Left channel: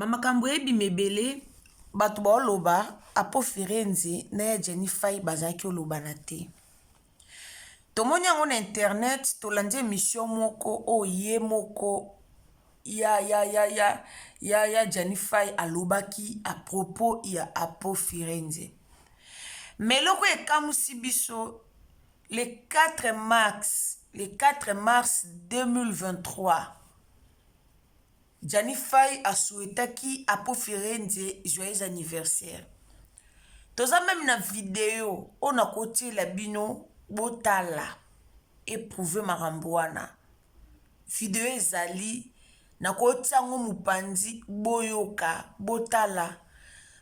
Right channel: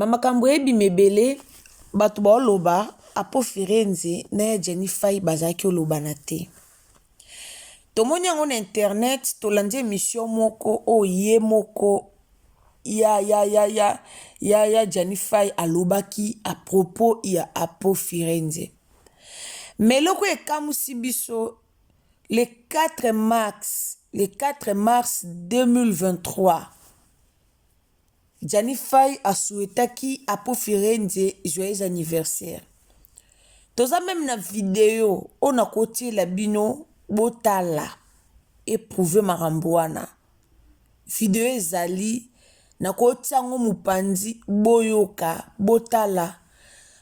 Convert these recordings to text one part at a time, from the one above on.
Mama Kambuebi mebele batu ba oloba apo Firenze na ya Jennifer bazaki oloba na te. Tomoni yango na internet tolandi émission moko o ye moko ya Jennifer alobaki à propos ya apo Firenze. Mais loko ekamusi biso le 4 mars 2023 Jennifer a souhaitaki apo Firenze joyeux anniversaire. Toza même na vidéo on a côté la bino botala éprouvé maramboana. Vidéo ezali na côté ngo mupanzi boyoka botala.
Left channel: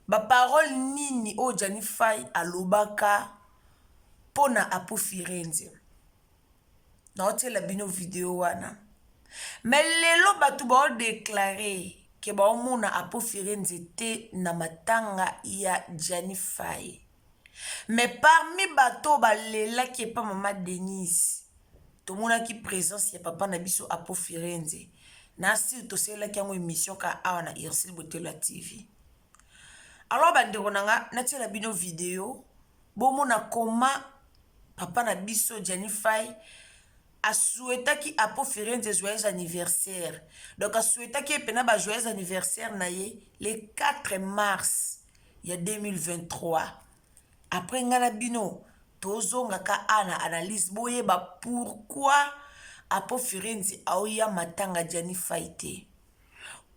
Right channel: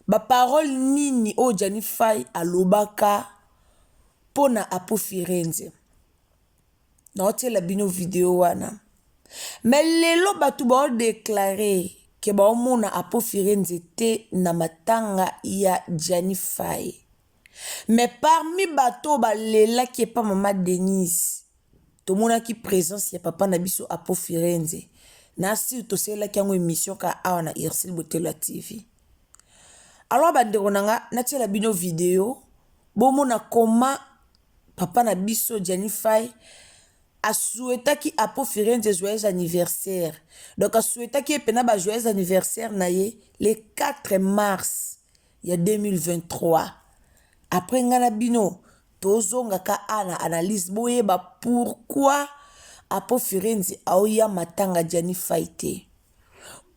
Ba parole nini o Jennifer alobaka pona apo Firenze. Na côté la bino vidéo wana. Mais lelo batu ba déclaré que ba omona apo Firenze te na matanga ya Jennifer. Mais parmi bato ba lela qui est pas maman Denise. To mona ki présence ya papa na biso apo Firenze. Na si to sela ki yango émission ka awa na Irsil Botelo TV. Alors bandeko nanga na tela bino vidéo bo mona comment papa na biso Jennifer a souhaitaki apo Firenze joyeux anniversaire. Donc a souhaitaki pena ba joyeux anniversaire na ye le 4 mars ya 2023. Après ngana bino tozonga ka ana analyse boyeba pourquoi apo Firenze aoya matanga Jennifer te.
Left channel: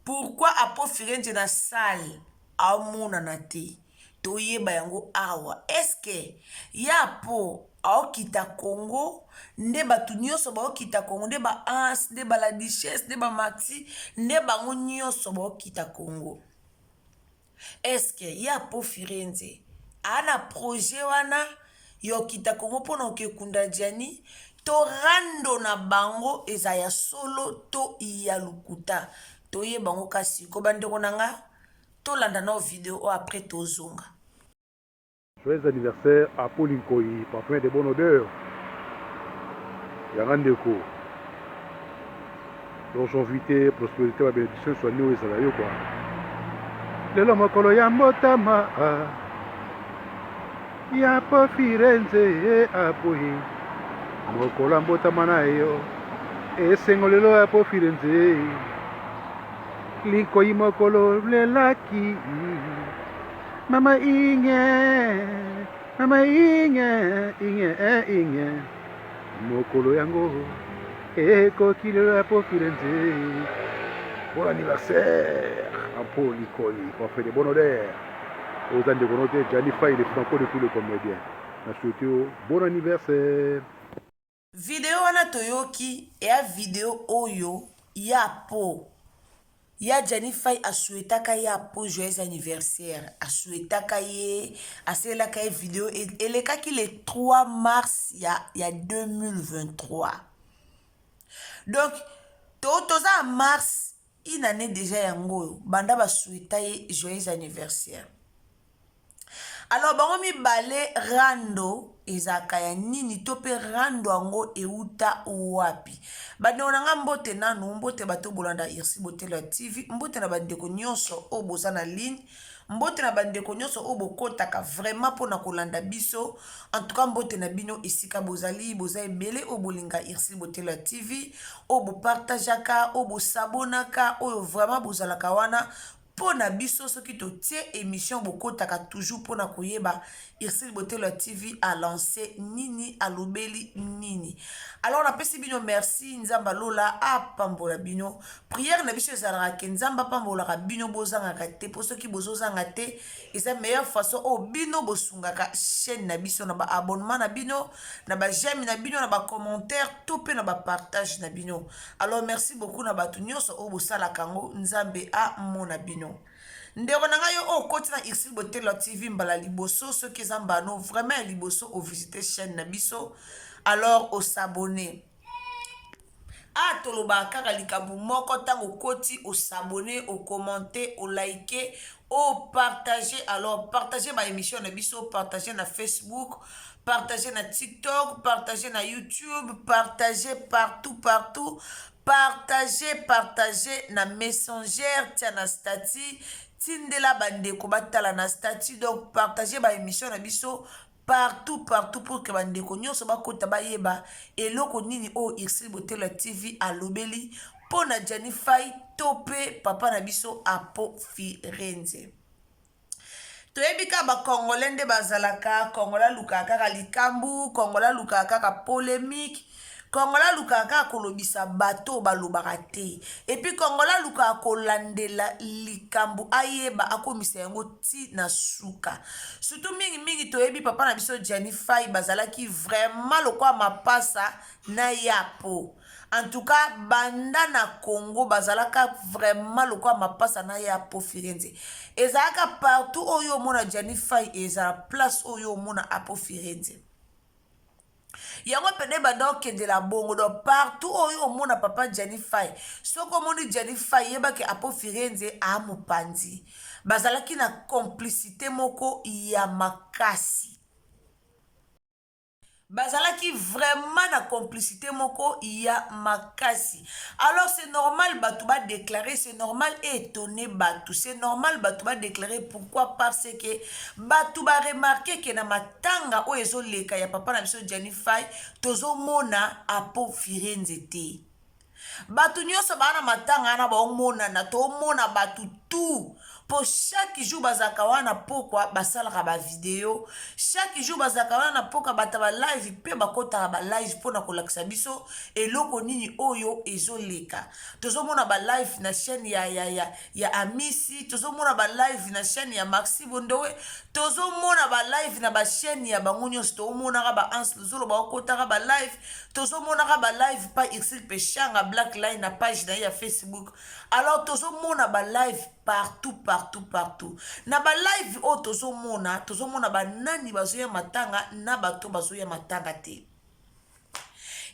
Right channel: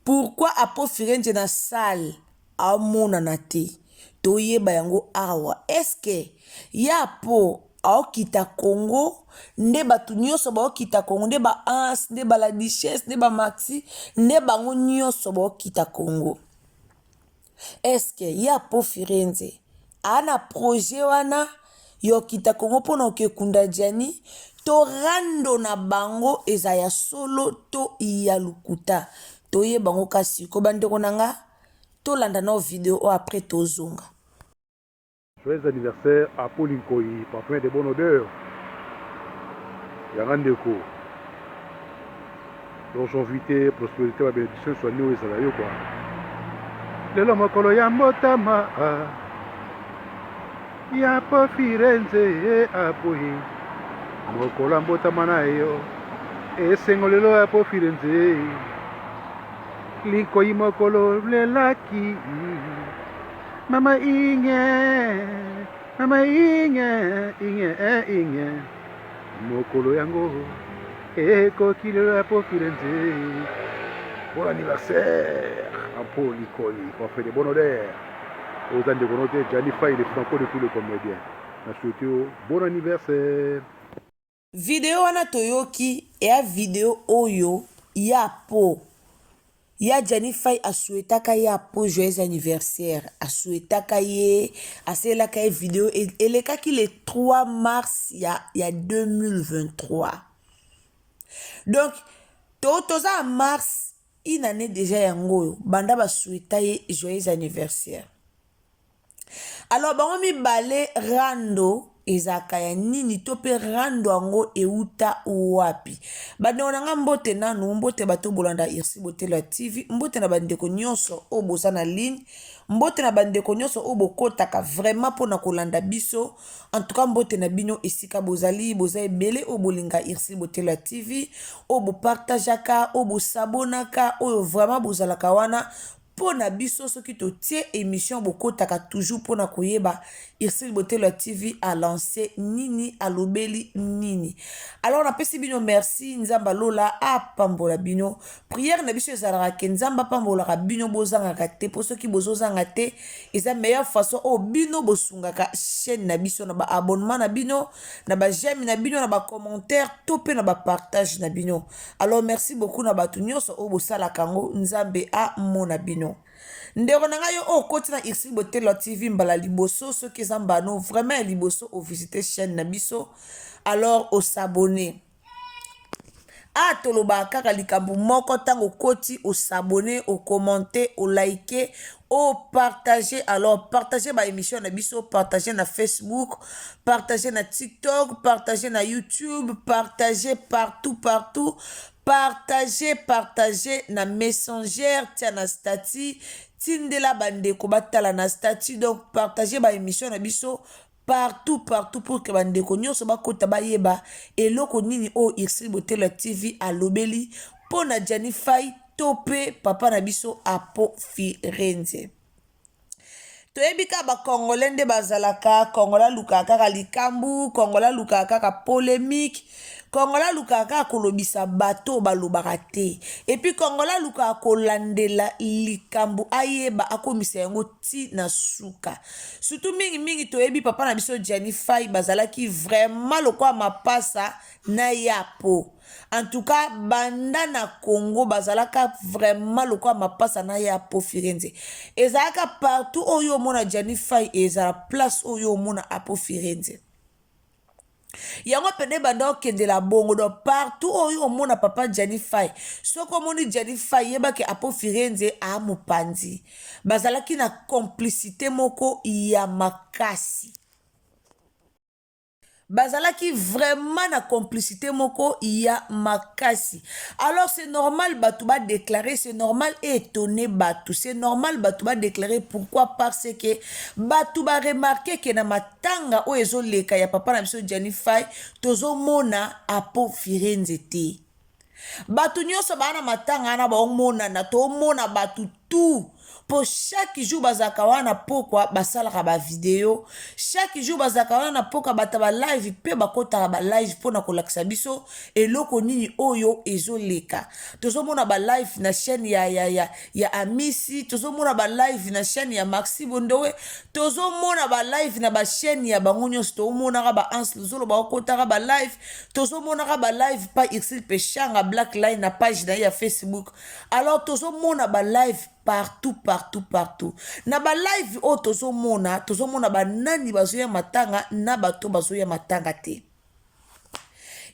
Pourquoi apo Firenze na salle aomona na te. Toyeba yango awa. Est-ce que ya po aokita Congo nde batu nyonso baokita Congo nde ba Ans nde ba la Duchesse nde ba Maxi nde bango nyonso baokita Congo. Est-ce que ya po Firenze ana projet wana yokita Congo pona okekunda Jani to rando na bango ezaya solo to iya lukuta toye bango kasi ko bandeko nanga to landa na vidéo o après tozonga. Joyeux anniversaire à Pauline Koyi, parfum de bonne odeur. Yangandeko. Longévité, prospérité, la bénédiction soit nous et ça va quoi. Lelo mokolo ya motama ya po Firenze apohi. Mokolo ya motama na yo. Esengo lelo ya po Firenze. Linkoyi mokolo lelaki. Mama Inge mokolo yango ekokilelo ya po Firenze. Bon anniversaire à Paul Nicoli, on fait de bonne odeur aux indépendants. Jennifer il est franco de tous les comédiens. Je souhaite bon anniversaire. Vidéo wana toyoki ya vidéo oyo ya po ya Jennifer a souhaitaka ya po joyeux anniversaire a souhaitaka ye aselaka vidéo elekaki le 3 mars ya 2023. Donc toza en mars une année déjà yango banda ba souhaita ye joyeux anniversaire. Alors bango mi balé rando ezaka ya nini to pe rando ango euta wapi. Bande onanga mbote nanu mbote bato bolanda Irsil Botelo TV mbote na bandeko nyonso o boza na ligne mbote na bandeko nyonso o bokotaka vraiment pona kolanda biso. En tout cas mbote na bino esika bozali boza ebele o bolinga Irsil Botelo TV o bo partageaka o bo sabonaka o vraiment bozalaka wana pona biso soki to tie émission bokotaka toujours pona koyeba Irsil Botelo TV a lancé nini alobeli nini. Alors na pesi bino merci nzamba lola a pambola bino prière na biso ezalaka ke nzamba pambola ka bino bozanga te po soki bozozanga te eza meilleure façon o bino bosungaka chaîne na biso na ba abonnement na bino na ba j'aime na bino na ba commentaire to pe na ba partage na bino. Alors merci beaucoup na batu nyonso o bosala kango nzambe a mona bino. Ndeko nanga yo o koti na Irsil Botelo TV mbala liboso soki ezambano vraiment liboso o visiter chaîne na biso alors o s'abonner. A toloba kaka likambu moko tango koti o s'abonner, o commenter, o liker, o partager. Alors partager ma émission na biso, partager na Facebook, partager na TikTok, partager na YouTube, partager partout. partager na messenger tia na stati tindela bandeko batala na stati. Donc partager ba émission na biso partout pour que bandeko nyonso bakota bayeba eloko nini o Ursule Botelo TV alobeli pona Jani Fay tope papa na biso Apo Firenze. Toyebika ba Congolais nde bazalaka, Kongola lukaka kaka likambu, Kongola lukaka kaka polémique, Kongola lukaka kaka kolobisa bato balobaka te. Et puis Kongola lukaka kolandela likambu ayeba akomisa yango ti na suka. Surtout mingi toyebi papa na biso Jani Fay bazalaki vraiment lokwa mapasa na yapo. En tout cas, banda na Congo bazalaka vraiment lokwa mapasa na ya Apo Firenze. Ezalaka partout oyo mona Jani Fay ezala place oyo mona Apo Firenze. Yango pene banda okende la bongo do partout oyo mona papa Jani Fay. Soko moni Jani Fay yeba ke Apo Firenze a mopandi. Bazalaki na complicité moko ya makasi. Bazalaki vraiment na complicité moko ya makasi. Alors c'est normal batou ba déclarer, c'est normal étonner batou, c'est normal batou ba déclarer. Pourquoi? Parce que batou ba remarquer que na matanga o ezo leka ya papa na biso Jani Fay tozo mona Apo Firenze te. Batou nyonso ba na matanga na ba mona na to mona batou tout. Pour chaque jour bazaka wana pokwa basalaka ba vidéo, chaque jour bazaka wana pokwa bataba live pe bakota ba live pona kolakisa biso eloko nini oyo ezoleka. Tozomona ba live na chaîne ya Amisi, tozomona ba live na chaîne ya Maxi Bondowe, tozomona ba live na ba chaîne ya bangonyo tozomona ba Ansel Zolo ba kota ba live, tozomona ba live pa Ursule Peshanga Black Line na page na ya Facebook. Alors tozomona ba live partout. Na ba live o tozomona ba nani bazoya matanga na bato bazoya matanga te.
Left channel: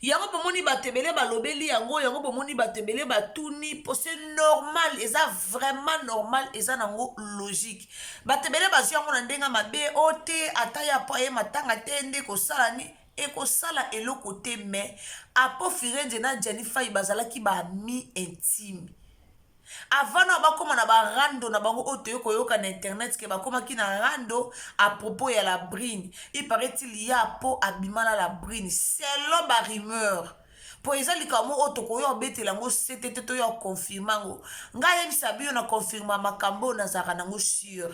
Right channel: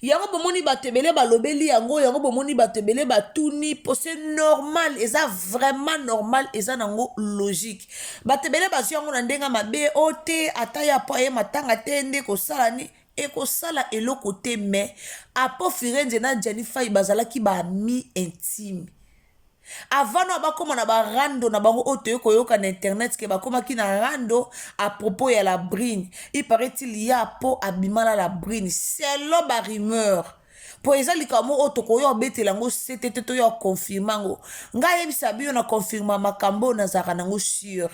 Yango bomoni batebele balobeli yango bomoni batebele batuni po c'est normal, eza vraiment normal, eza nango logique. Batebele bazoya yango na ndenga mabe ote ataya po ye matanga te nde kosala ni ekosala eloko te. Mais Apo Firenze na Jani Fay bazalaki ba ami intime. Avant na bakoma na ba rando na bango oto koyoka na internet ke bakoma ki na rando à propos ya la brine. Il paraît-il y a Apo abimala la brine. Selon ba rumeur. Po ezali kamo oto koyo betela ngo setete to yo confirmango. Nga yebisa biyo na confirma makambo na zaka nango sûr.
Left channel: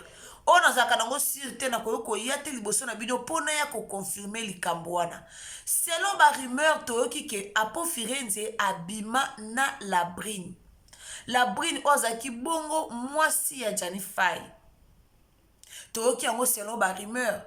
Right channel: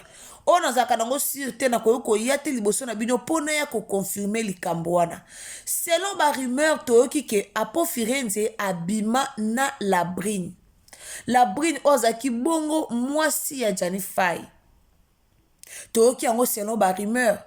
O na zaka nango sûr te na koyo ya te liboso na bino pona ya ko confirmer likambo wana. Selon ba rumeur to yoki ke Apo Firenze abima na la brine. La brine ozaki bongo mwasi ya Jani Fay. Toyoki yango selon ba rumeur.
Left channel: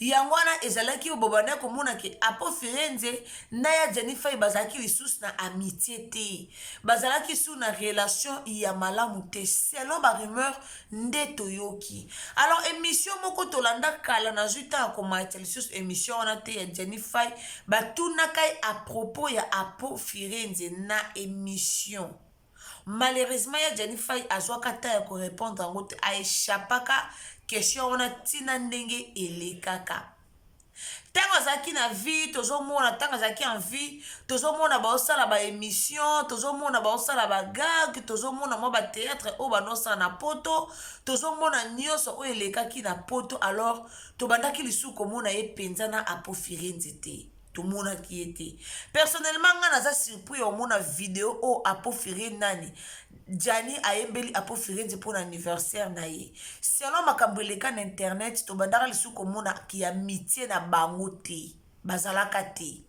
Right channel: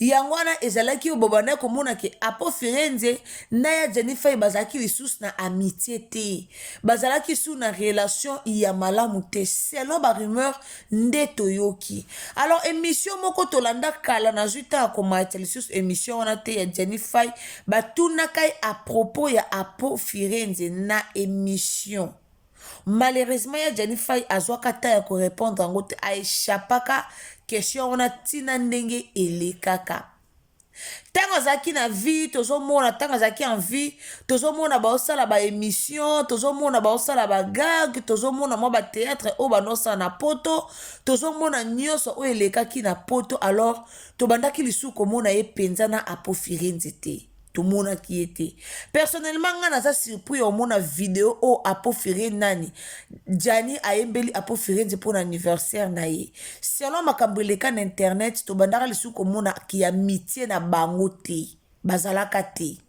Yangwana ezalaki obobana komona ke Apo Firenze na ya Jani Fay bazalaki lisusu na amitié te. Bazalaki sous na relation ya malamu te. Selon ba rumeur nde toyoki. Alors émission moko tolanda kala na juta komata lisusu émission wana te ya Jani Fay batunaka à propos ya Apo Firenze na émission. Malheureusement ya Jani Fay azwaka ta ya ko répondre ngo te aéchapaka question wana tina ndenge elekaka. Tanga zaki na vie tozomona tanga zaki en vie tozomona ba osala ba émission tozomona ba osala ba gag tozomona mo ba théâtre o ba nosa na poto tozomona nyonso o elekaki na poto. Alors tobandaki lisu komona ye penza na Apo Firenze te. Tout le monde qui était. Personnellement, on a surpris au monde vidéo au Apo Firenze nani. Jani a embeli Apo Firenze pour l'anniversaire naie. Selon ma kambeleka na internet, to bandara lisu komona ki amitié na bangote. Bazalaka te.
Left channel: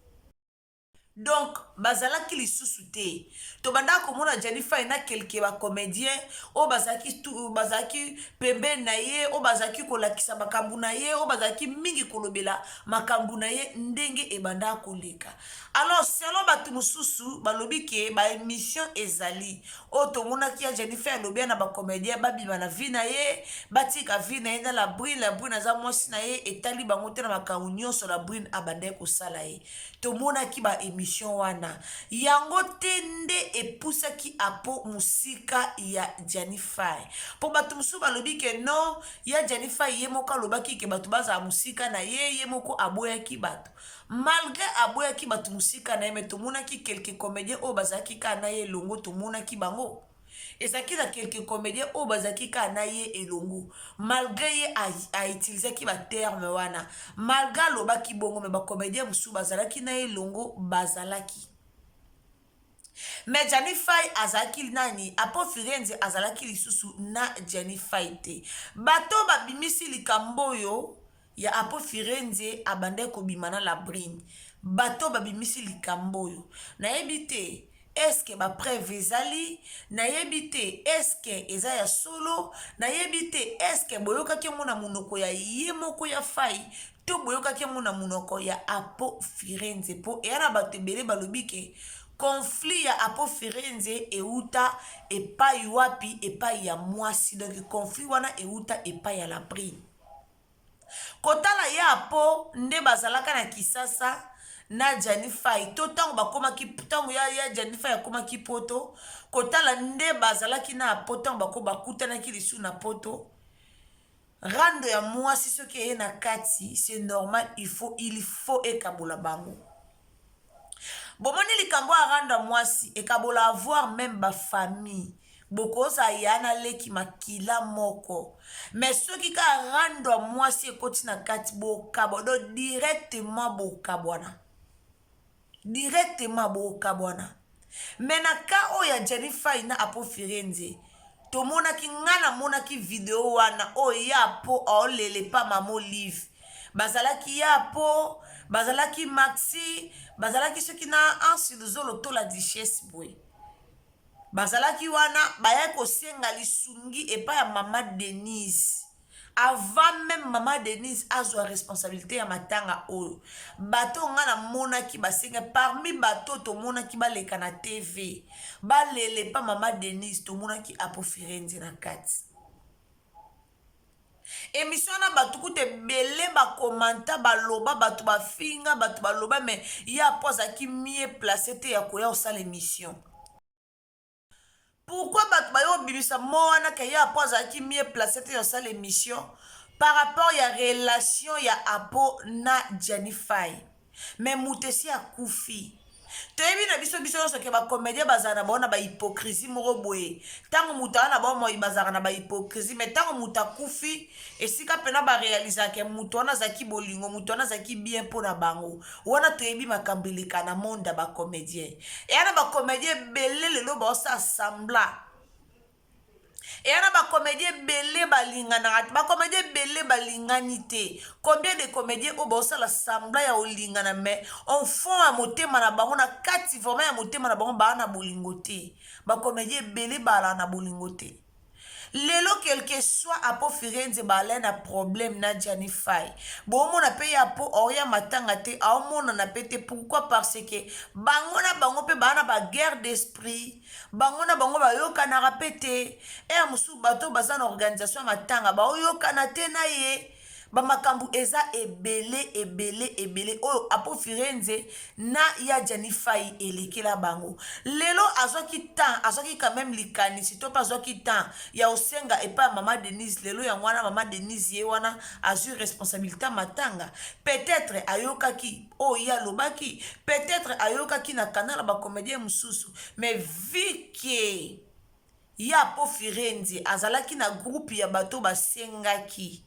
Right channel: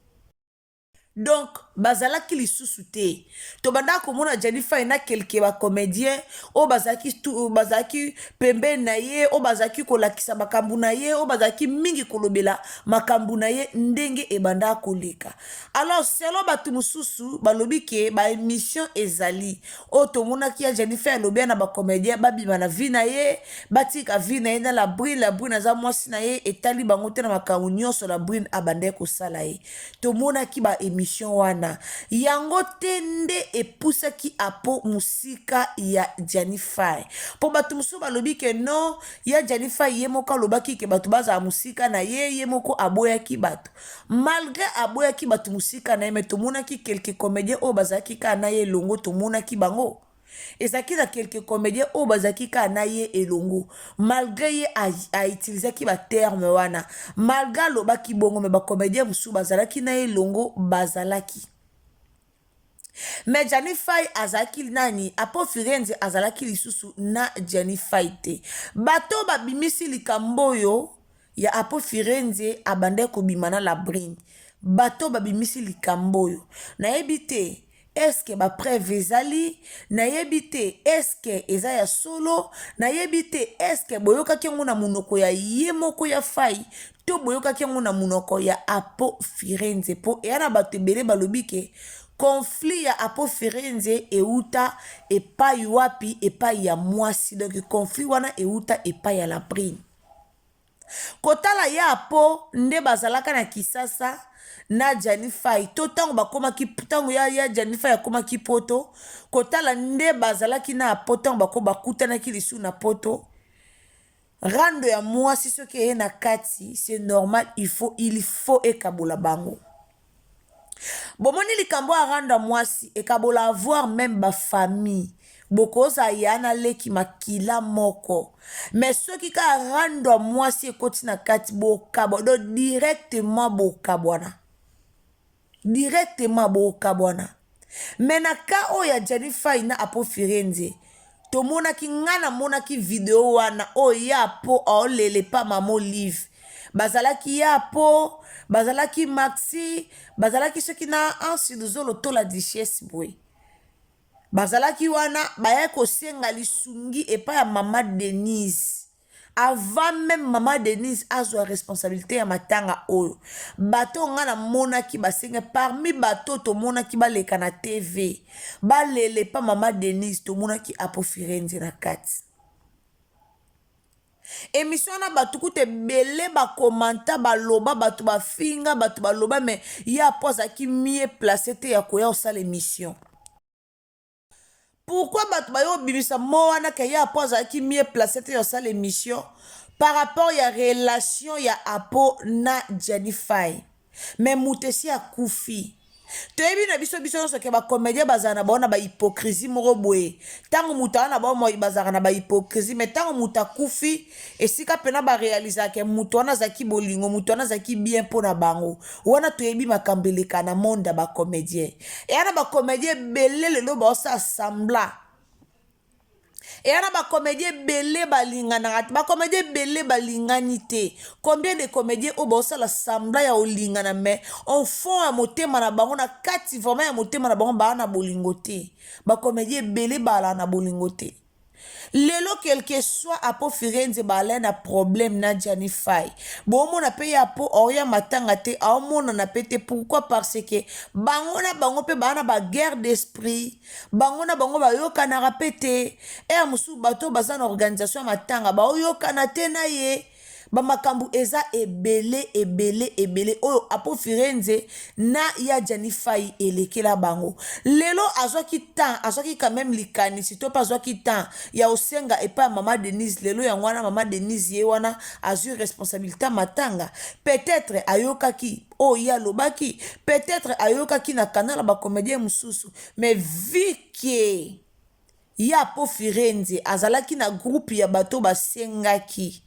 Donc, bazalaki lisusu te. To banda komona Jani Fay na kelke ba comédien o bazaki pembe na ye o bazaki kolakisa makambu na ye o bazaki mingi kolobela makambu na ye ndenge e banda koleka. Alors selon batu mususu balobi ke ba émission ezali o to mona ki ya Jani Fay lobi na ba comédien babima na vie na ye batika vie na ye na la brine za mwasi na ye etali bango te na makambu nyonso la brine abande ko sala ye. To mona ki ba émission émission wana yango tende epusaki apo musika ya Janify po bato musu balobi ke non ya Janify ye moko alobaki ke bato baza musika na ye moko aboyaki bato malgré aboyaki bato musika na ye me tomonaki quelques comédiens o bazaki ka na ye longo tomonaki bango ezaki na quelques comédiens o bazaki ka na ye elongo malgré ye a utilisaki ba terme wana malgré alobaki bongo me ba comédien musu bazalaki na ye elongo bazalaki mais Janify azalaki nani apo Firenze azalaki lisusu na Janify te bato babimisi likambo oyo ya apo Firenze abande kobima na la brine bato babimisi likambo oyo nayebi te eske ba preuve ezali nayebi te eske eza ya solo nayebi te eske boyokaki yango na munoko ya ye moko ya fai to boyokaki yango na munoko ya apo Firenze po eya na bato ebele balobi ke conflit ya apo Firenze euta epai wapi epai ya mwasi donc conflit wana euta epai ya la brine kotala ya apo nde bazalaka na Kisasa na Janify to tango bakomaki tango ya Janify akomaki poto kotala nde bazalaki na apo tango bako bakutanaki lisu na poto rando ya mwasi soki eye na kati c'est normal il faut ekabola bango bomoni likambo ya rando ya mwasi ekabola avoir même ba famille bokoza yana leki makila moko mais soki ka rando ya mwasi ekoti na kati bokabo directement bokabwana mais na ka oyo ya Janify na apo Firenze tomonaki ngana monaki video wana oyo ya po aolele pa mama Olive bazalaki ya po bazalaki Maxi bazalaki soki na ansi luzolo to la duchesse boy bazalaki wana baya kosenga lisungi epa ya mama Denise avant même mama Denise azwa responsabilité ya matanga oyo bato ngana monaki basenga parmi bato to monaki baleka na TV balele pa mama Denise to monaki apo Firenze na kati émission na bato kute bele ba commenta baloba bato bafinga bato baloba mais ya poza ki mieux placé te ya koya osala émission pourquoi bato bayo bimisa mo wana ke ya poza ki mieux placé te ya osala émission par rapport ya relation ya apo na Janify mais mutesi ya kufi toyebi na biso nyonso ke bacomédien bazala na bango na bahypocrisie moko boye ntango moto aza na bango moi bazalaka na bahypocrisie mais ntango moto akufi esika mpena barealizaka ke moto wana azalaki bolingo moto wana azalaki bien mpo na bango wana toyebi makambo eleka na monde ya bacomédien eya na bacomédien ebele lelo baosala sembla eya na bacomédien ebele balinganaka te bacomédien ebele balingani te combien de comédien oyo baosala sembla ya olingana mais en fond ya motema na bango na kati vraiment ya motema na bango baa na bolingo te bacomédien ebele bala na bolingo te lelo quelque soit apo Firenze bala na problème na Janify bomona pe ya po oya matanga te aomona na pete pourquoi parce que bango na bango pe bana ba guerre d'esprit bango na bango bayokana pete e musu bato baza na organisation ya matanga baoyokana te na ye bamakambu eza ebele oyo apo Firenze na ya Janify elekela bango lelo azwaki temps azwaki quand même likanisi to pa azwaki temps ya osenga epa mama Denise lelo yango wana mama Denise ye wana azwi responsabilité matanga peut-être ayokaki oyo ya lobaki peut-être ayokaki na kanala ba comédien mususu mais vu que ya apo Firenze azalaki na groupe ya bato basengaki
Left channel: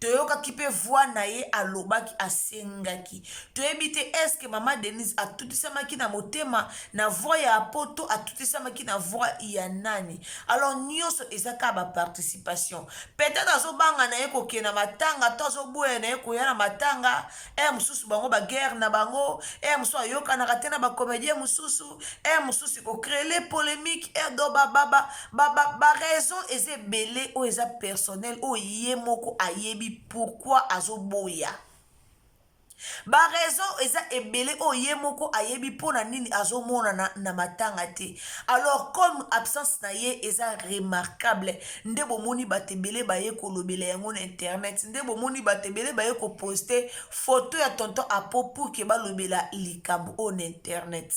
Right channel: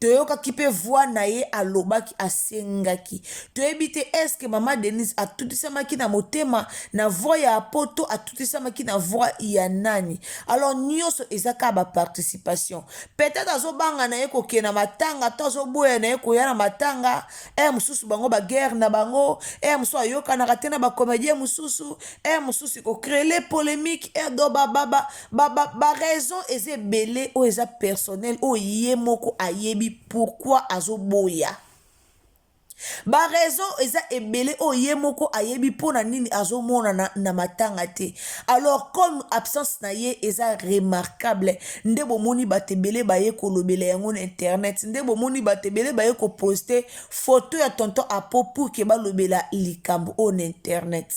toyokaki pe voix na ye alobaki asengaki toyebi te eske mama Denise atutisamaki na motema na voix ya apoto atutisamaki na voix ya nani alors nyonso ezaka ba participation peut-être azobanga na ye kokende na matanga to azoboya na ye koya na matanga mususu bango ba guerre na bango mususu ayokanaka te na bacomédien mususu mususu kokréele polémique do ba raison eza ebele oyo eza personnel oyo ye moko ayebi pourquoi azoboya ba raison eza ebele oye moko ayebi pona nini azomona na matanga te. Alors comme absence na ye eza remarquable, nde bomoni batebele baye kolobela yango na internet, nde bomoni batebele baye ko poster photo ya tonton Apo pour ke balobela likambo on internet.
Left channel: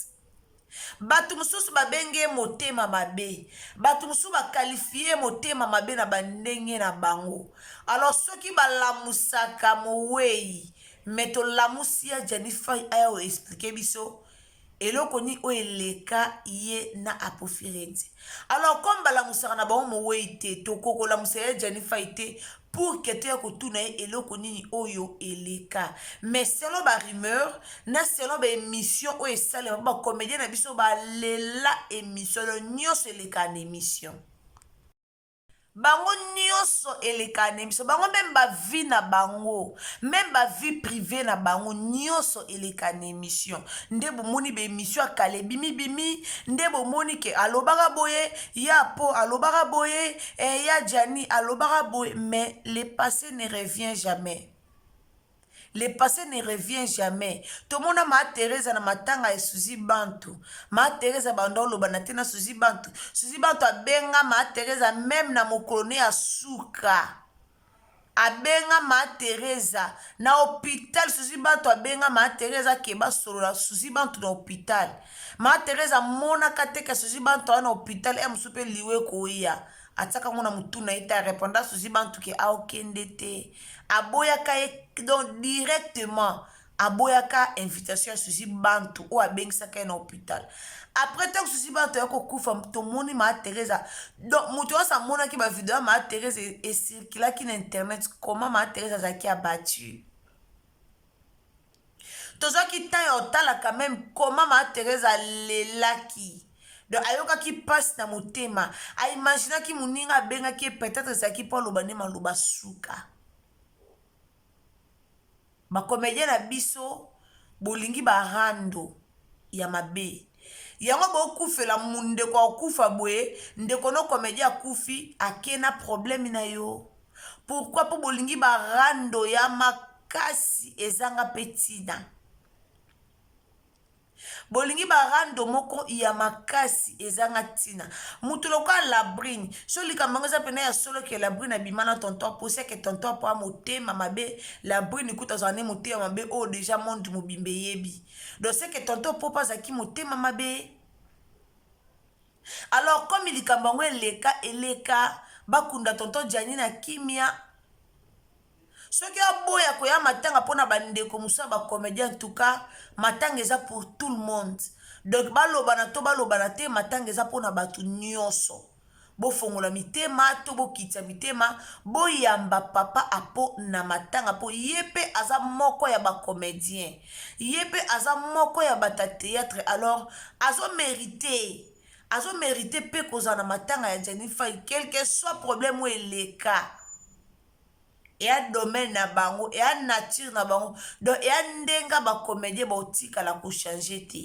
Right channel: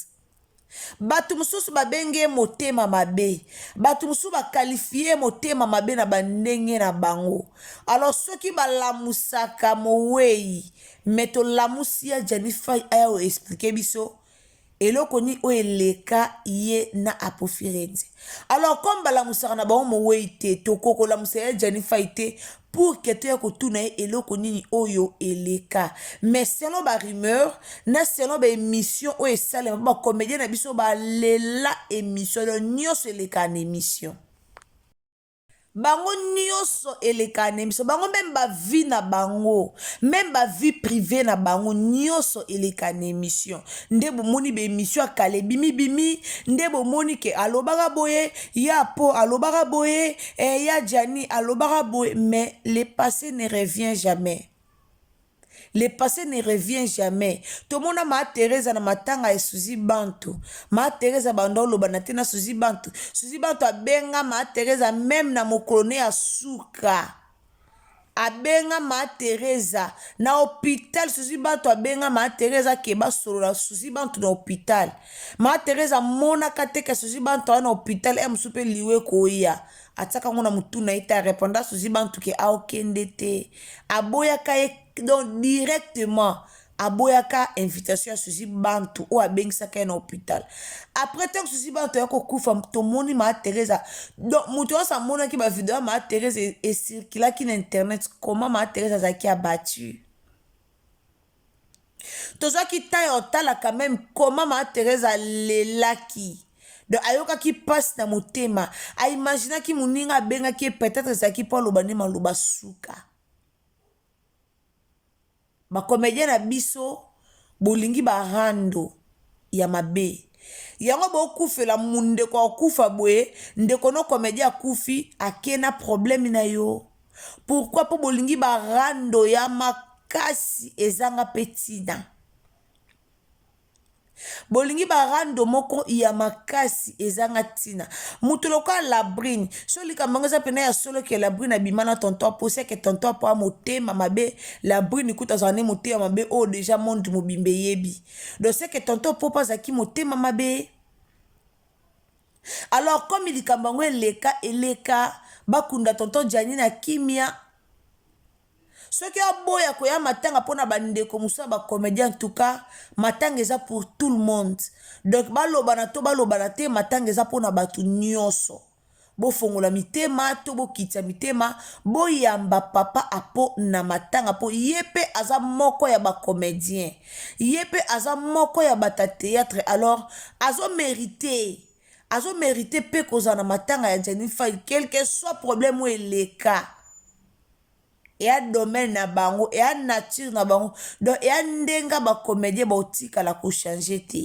Batu mususu babenge motema mabe, batu mususu bakalifie motema mabe na bandenge na bango. Alors soki balamusaka mowei meto lamusia Janify aya o expliquer biso eloko ni o eleka ye na Apofirenze. Alors comme balamusaka na bango mowei te tokoko lamusia Janify te pour que tu aies eloko nini oyo eleka. Mais selon ba rumeur, na selon ba émission o esale ba comédien na biso ba lela émission nyonso eleka na émission. Bango nyonso eleka na émission, bango même ba vie na bango, même ba vie privée na bango nyonso eleka na émission. Nde bomoni be émission akale bimi bimi, nde bomoni ke alobaka boye, ya Po alobaka boye, ya Jani alobaka boye, mais le passé ne revient jamais. Le passé ne revient jamais. Tout le monde a ma Teresa na matanga e Suzy Bantu. Ma Teresa bandolo banate na Suzy Bantu. Suzy Bantu a benga ma Teresa même na mokolone a suka. A benga ma Teresa na hôpital. Suzy Bantu a benga ma Teresa keba solo na Suzy Bantu na hôpital. Ma Teresa mona kateka Suzy Bantu na hôpital e msupe liwe koya. Ataka ngona mutuna ita répondre Suzy Bantu ke a okende te. Aboyaka donc directement aboyaka invitation à Suzy Bantu ou à bengisaka na hôpital. Après tant que Suzy Bantu yako kufa to moni ma Teresa. Donc muto sa mona ki ba vidéo ma Teresa et circula ki na internet comment ma Teresa zaki abattu. Tozo ki ta otala quand même comment ma Teresa lelaki. Donc ayoka ki passe na motema. A imagina ki muninga benga ki peut-être zaki pa lobani maluba suka. Ba comédien na biso bolingi ba rando ya mabe. Yango bo kufela munde kwa kufa boye, ndeko no comédien kufi akena problème na yo. Pourquoi po bolingi ba rando ya makasi ezanga petina? Bolingi barando moko ya makasi ezanga tina. Mutuloka labrine. So likambangoza pena ya solo ke labrine abimana tonton pose ke tonton po motema mabe labrine kuta zane motema mabe o déjà monde mobimbe yebi. Donc c'est que tonton po pas aki motema mabe. Alors comme likambango eleka bakunda tonton Jani na kimia. Soki aboya koya matanga pona bandeko musa ba comédien en tout cas matanga eza pour tout le monde. Donc baloba na to baloba na te matanga eza pona batu nyonso. Bo fongola mitema to bo kitsa mitema bo yamba papa Apo na matanga po yepe aza moko ya ba comédien. Yepe aza moko ya bata théâtre alors azo mérité pe koza na matanga ya Janify quel que soit problème ou eleka. Et à domaine na bango et à nature na bango donc et à ndenga ba comédien ba otika la ko changer te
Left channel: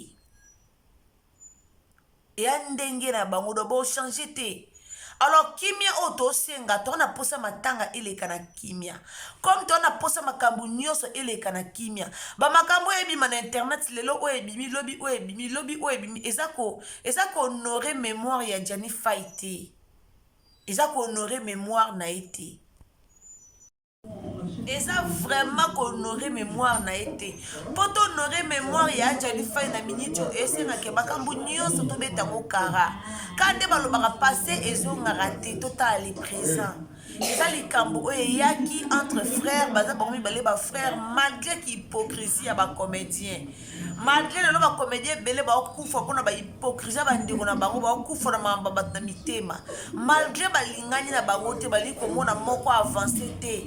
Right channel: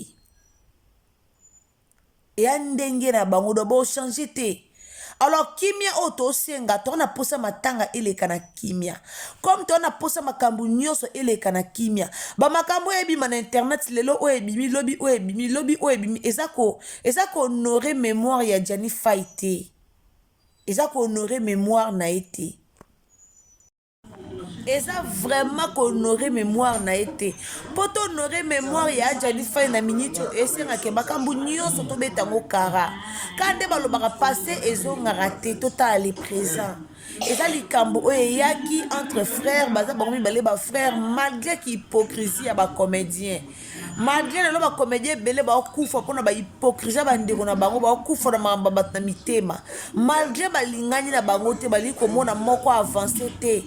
et à ndenge na bango do ba changer te. Alors kimia oto senga to na posa matanga eleka na kimia comme to na posa makambu nyonso eleka na kimia ba makambu ebima na internet lelo o ebimi lobi o ebimi ezako honorer mémoire ya Janify te ezako honorer mémoire na été. Et ça vraiment honorer mémoire na été. Pour honorer mémoire ya Janify na minute et c'est na ke bakambu nyonso to betango kara. Quand de balobaka passé ezonga raté total présent. Et ça likambu o yaki entre frères baza bango balé ba frère malgré ki hypocrisie ya ba comédien. Malgré le ba comédien belé ba okufa pona ba hypocrisie ba ndeko na bango ba okufa na mamba batna mitema. Malgré ba lingani na bango te bali komona moko avancer te.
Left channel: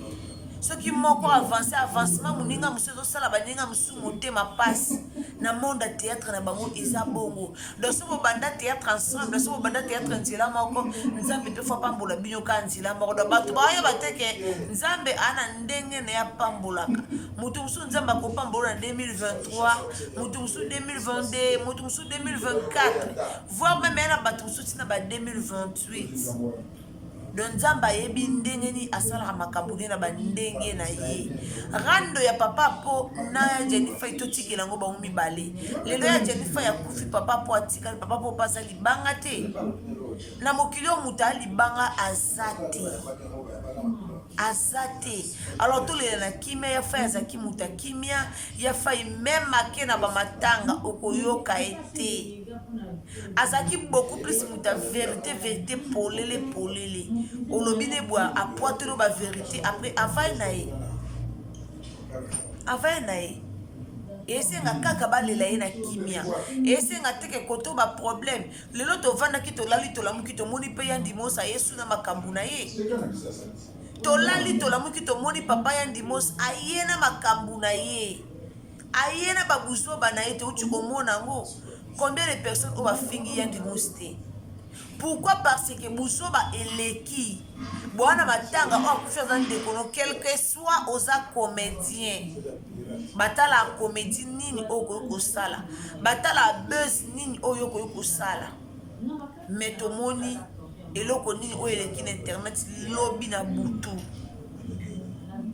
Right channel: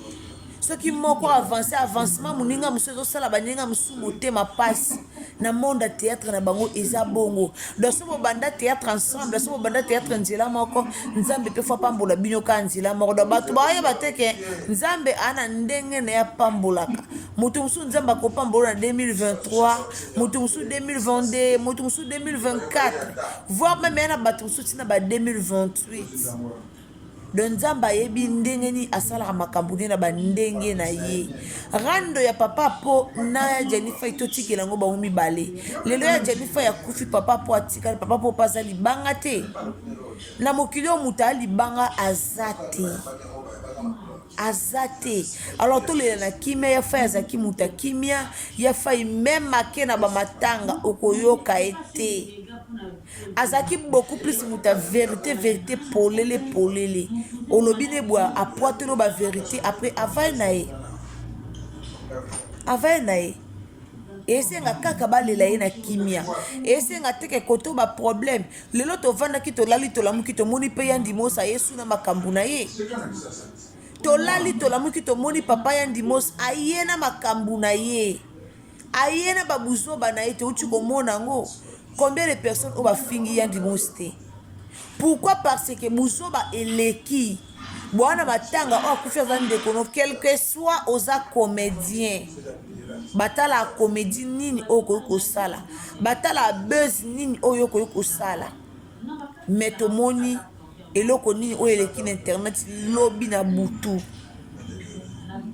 Ceux qui m'ont avancé, avancement, moninga muso sala baninga musu motema passe na monde théâtre na bango eza bongo. Dans ce banda théâtre ensemble, dans ce banda théâtre nzela moko, nzambe pe fa pambola bino ka nzela moko do batu ba ya bateke nzambe ana ndenge na ya pambolaka. Mutu musu nzamba ko pambola na 2023, mutu musu 2022, mutu musu 2024, voire même na batu musu tina ba 2028. donc nzambe ayebi ndenge nini asalaka makambo nde na bandenge na ye. Rando ya papa po na ya Jennifer totikela yango bango mibale. Lelo ya Jennifer ya kufi papa po atikali papa po paza libanga te. Na mokili oyo moto alibanga azate. Azate. Alors tout le na kimia ya fa azaki muta kimia ya fa même ake na ba matanga okoyoka ete. Azaki beaucoup plus muta vérité polele. Olobine boa apoatelo ba vérité après avai nae. Esenga kaka balela ye na kimia. Esenga teke koto ba problème. Lelo to vanda ki to lali to lamu ki to moni pe yandi mosa Yesu na makambu na ye. To lali to lamu ki to moni papa yandi mos ayena makambu na ye. Ayena babuzo bana ye te uchi komona ngo. Combien de personnes ont fini yandi moste? Pourquoi? Parce que buzoba eleki. Bwana matanga o akufia zande kono quel que soit oza comédien. Batala comédie nini oko sala. Batala buzz nini oyoko sala. Metomoni eloko nini o eleki na internet lobi na butu.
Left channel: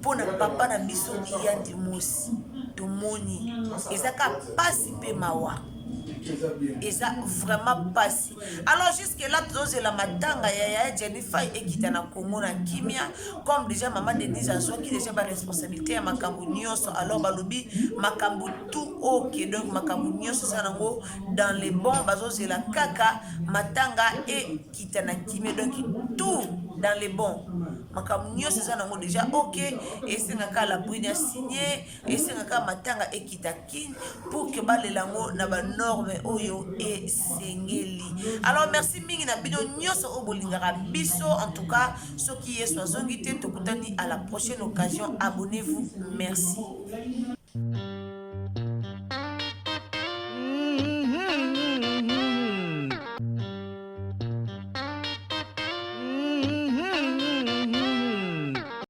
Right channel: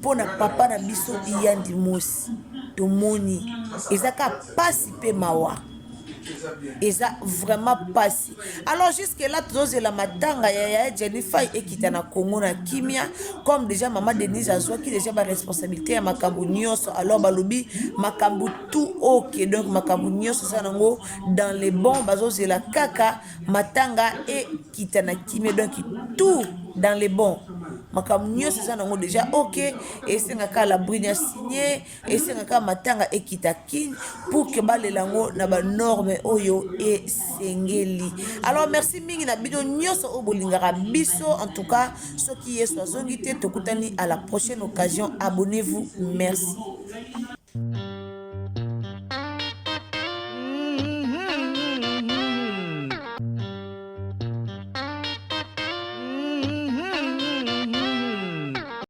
Pona papa na biso yandi mosi. Tomoni ezaka pasi pe mawa. Et ça vraiment passé. Alors jusque là tous la matanga ya Jennifer et qui na Congo na kimia comme déjà maman Denise Azwa qui déjà ba responsabilité ya makambu nyonso alors balobi makambu tout OK donc makambu nyonso ça nango dans les bons bazo la kaka matanga et qui na kimia donc tout dans les bons makambu nyonso ça nango déjà OK et c'est ngaka la brune signé et c'est ngaka matanga et kitaki pour que balelango na ba norme oyo et sengeli. Alors merci mingi na bino nyonso o bolingara biso en tout cas ceux qui est soit zongité tokutani à la prochaine occasion abonnez-vous merci.